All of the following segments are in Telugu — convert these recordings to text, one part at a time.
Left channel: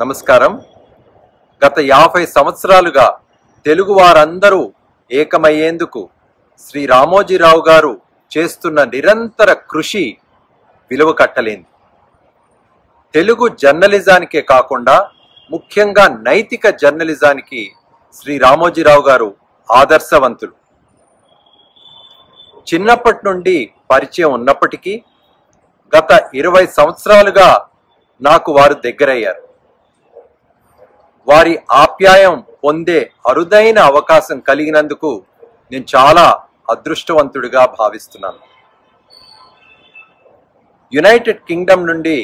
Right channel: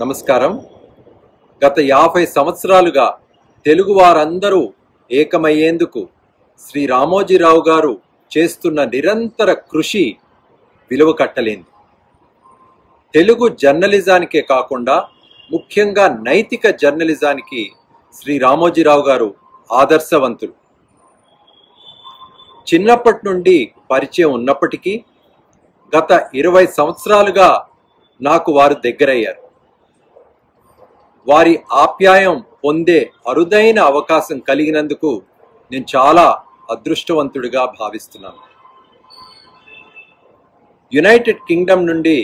నమస్కారం. గత 50 సంవత్సరాలుగా తెలుగు వారందరూ ఏకమయ్యేందుకు శ్రీ రామోజీరావు గారు చేస్తున్న నిరంతర కృషి విలువ కట్టలేంది. తెలుగు జర్నలిజానికే కాకుండా ముఖ్యంగా నైతిక జర్నలిజానికి శ్రీ రామోజీరావు గారు ఆదర్శవంతులు. చిన్నప్పటి నుండి పరిచయం ఉన్నప్పటికీ గత 20 సంవత్సరాలుగా నాకు వారు దగ్గరయ్యారు. వారి ఆప్యాయం పొందే అరుదైన అవకాశం కలిగినందుకు నేను చాలా అదృష్టవంతుడిగా భావిస్తున్నాను. యునైటెడ్ కింగ్డమ్ నుండి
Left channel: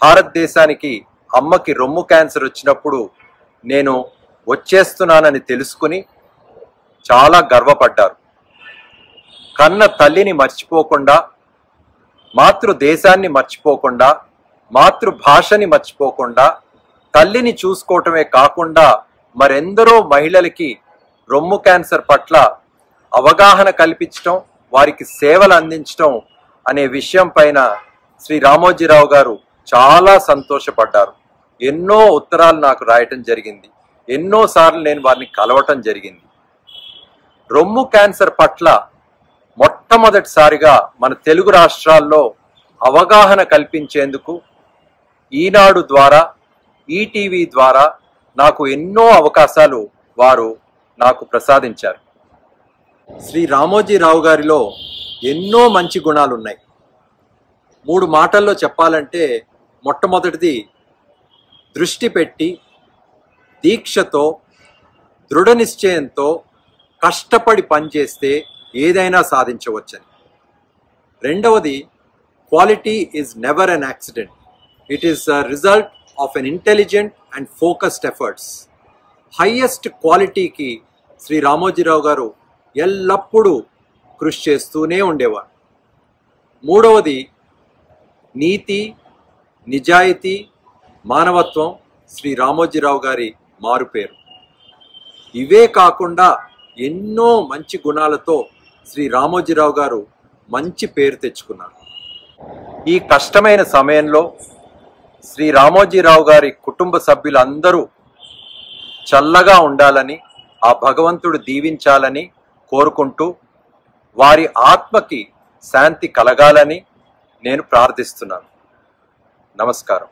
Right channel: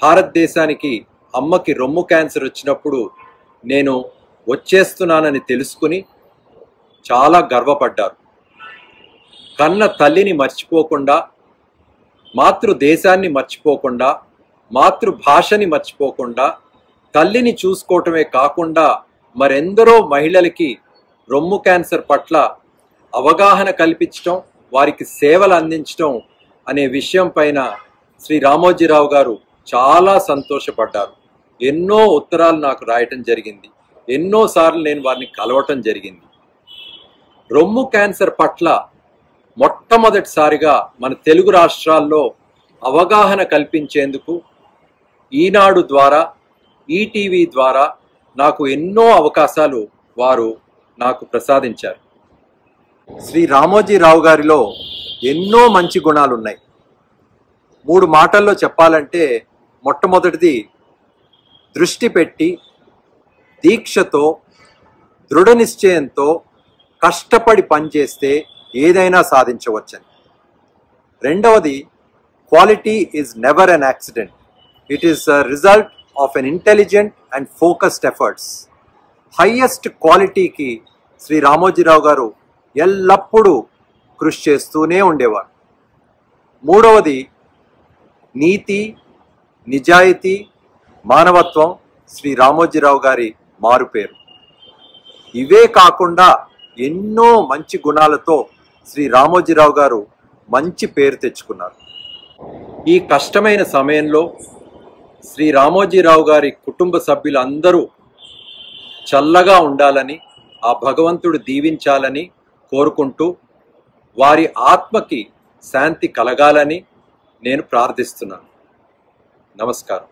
భారతదేశానికి అమ్మకి రొమ్ము క్యాన్సర్ వచ్చినప్పుడు నేను వచ్చేస్తున్నానని తెలుసుకుని చాలా గర్వపడ్డారు. కన్న తల్లిని మర్చిపోకుండా, మాతృదేశాన్ని మర్చిపోకుండా, మాతృభాషని మర్చిపోకుండా, తల్లిని చూసుకోవటమే కాకుండా మరెందరో మహిళలకి రొమ్ము క్యాన్సర్ పట్ల అవగాహన కల్పించటం, వారికి సేవలు అందించటం అనే విషయం పైన శ్రీ రామోజీరావు గారు చాలా సంతోషపడ్డారు. ఎన్నో ఉత్తరాలు నాకు రాయటం జరిగింది. ఎన్నోసార్లు నేను వారిని కలవటం జరిగింది. రొమ్ము క్యాన్సర్ పట్ల మొట్టమొదటిసారిగా మన తెలుగు రాష్ట్రాల్లో అవగాహన కల్పించేందుకు ఈనాడు ద్వారా, ఈటీవీ ద్వారా నాకు ఎన్నో అవకాశాలు వారు నాకు ప్రసాదించారు. శ్రీ రామోజీరావు గారిలో ఎన్నో మంచి గుణాలు ఉన్నాయి. 3 మాటల్లో చెప్పాలంటే, మొట్టమొదటిది దృష్టి పెట్టి, దీక్షతో, దృఢ నిశ్చయంతో కష్టపడి పనిచేస్తే ఏదైనా సాధించవచ్చని. రెండవది, quality is never an accident, it is a result of an intelligent and focused efforts. Highest క్వాలిటీకి శ్రీ రామోజీరావు గారు ఎల్లప్పుడూ కృషి చేస్తూనే ఉండేవారు. మూడవది, నీతి, నిజాయితీ, మానవత్వం శ్రీ రామోజీరావు గారి మారుపేరు. ఇవే కాకుండా ఎన్నో మంచి గుణాలతో శ్రీ రామోజీరావు గారు మంచి పేరు తెచ్చుకున్నారు. ఈ కష్టమైన సమయంలో శ్రీ రామోజీరావు గారి కుటుంబ సభ్యులందరూ చల్లగా ఉండాలని, ఆ భగవంతుడు దీవించాలని కోరుకుంటూ వారి ఆత్మకి శాంతి కలగాలని నేను ప్రార్థిస్తున్నాను. నమస్కారం.